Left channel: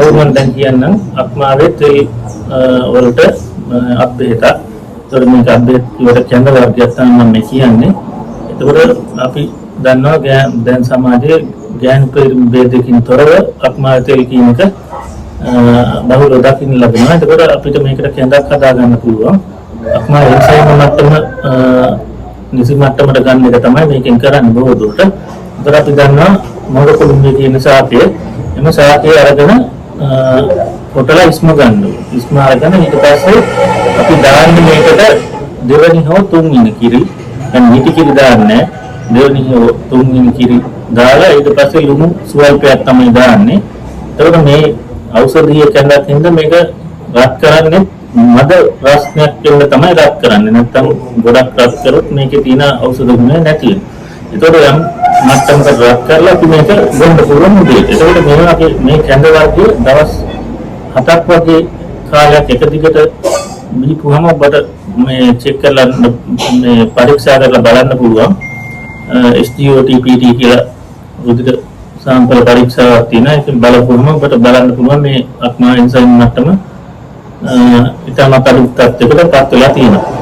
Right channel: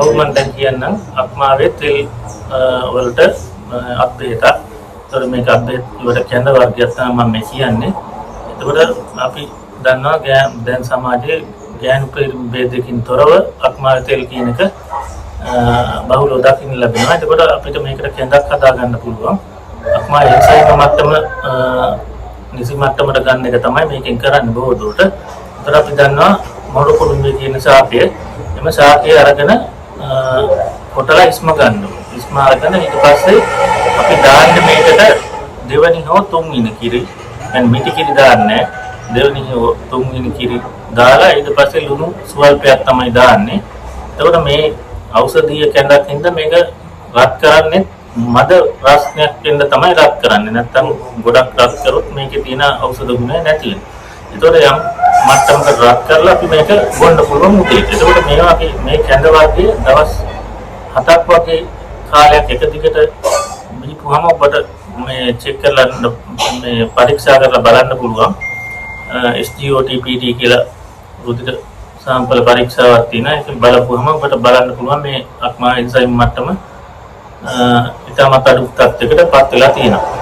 ඔව් මම දැන් කියන්නම් අක්මාවේ තෙල් වලට අත් බෙහෙතක්. ඒතකොට මේක අත් බෙහෙත් වලට කැඳ වර්ගයක් තමයි මම මේ කියන්නේ. එතකොට අපි දන්නවා දැන් සමාජයේ ගෑනු පිරිමි ભેදකින් තොරව අක්මාවේ තෙල් කියන එක බහුලව දකින්න ලැබෙනවා. එතකොට අපිට මේකට කැඳක් හදා ගන්න පුළුවන්. අක්මා එන්සයිම් මට්ටම නිසි මට්ටමට ගන්න එක තමයි මේකෙන් කරන්නේ බොහෝ දුරට. ඒතර අපි දන්නවා මොර කුඩුම්බේ තියෙන ශාකය. එම ශාකය අරගෙන කොටලා ඉස්ම ගන්න ඕනේ. ඉස්ම අරගෙන ඊට පස්සේ අපි දාන්නේ මේකට දෙවනි හෝ තුන්වෙනි කිරි. දැන් මිටි කිරි දාන්නේ දෙවනි හෝ තුන්වෙනි කිරි දාලා ඊට පස්සේ ලුණු ස්වල්පයක් තමයි දාන්නේ. එතකොට මේ ඖෂධීය කැඳක් හින්දා මේක රත් කරන්නේ මද රසණයක් වෙන්න තමයි රත් කරන්නේ. නැත්නම් ගොඩක් රත් කරොත් මේකේ තියෙන ඖෂධ ගුණය නැති වෙනවා. ඒතකොට යම් මට්ටමකට රත් කරලා අපි මේක බොන්න පුළුවන් දෙයක්. ඒතකොට මේ කැඳ වර්ගයේ දවස් 7ක් වගේ කාලයක් එක දිගට බීපුවම ඔබට මේ චෙක් කරලා මේ පරීක්ෂා කරලා බලන්න පුළුවන්. SGOT-PT කියලා රුධිර සාම්පල පරීක්ෂාවක් තියෙනවා. ඒක බලපුවම ඔබට බලන්න පුළුවන් මේ අක්මා එන්සයිම් මට්ටම ඉතාමත් අඩු තත්ත්වයකට පත් වෙලා තියෙනවා.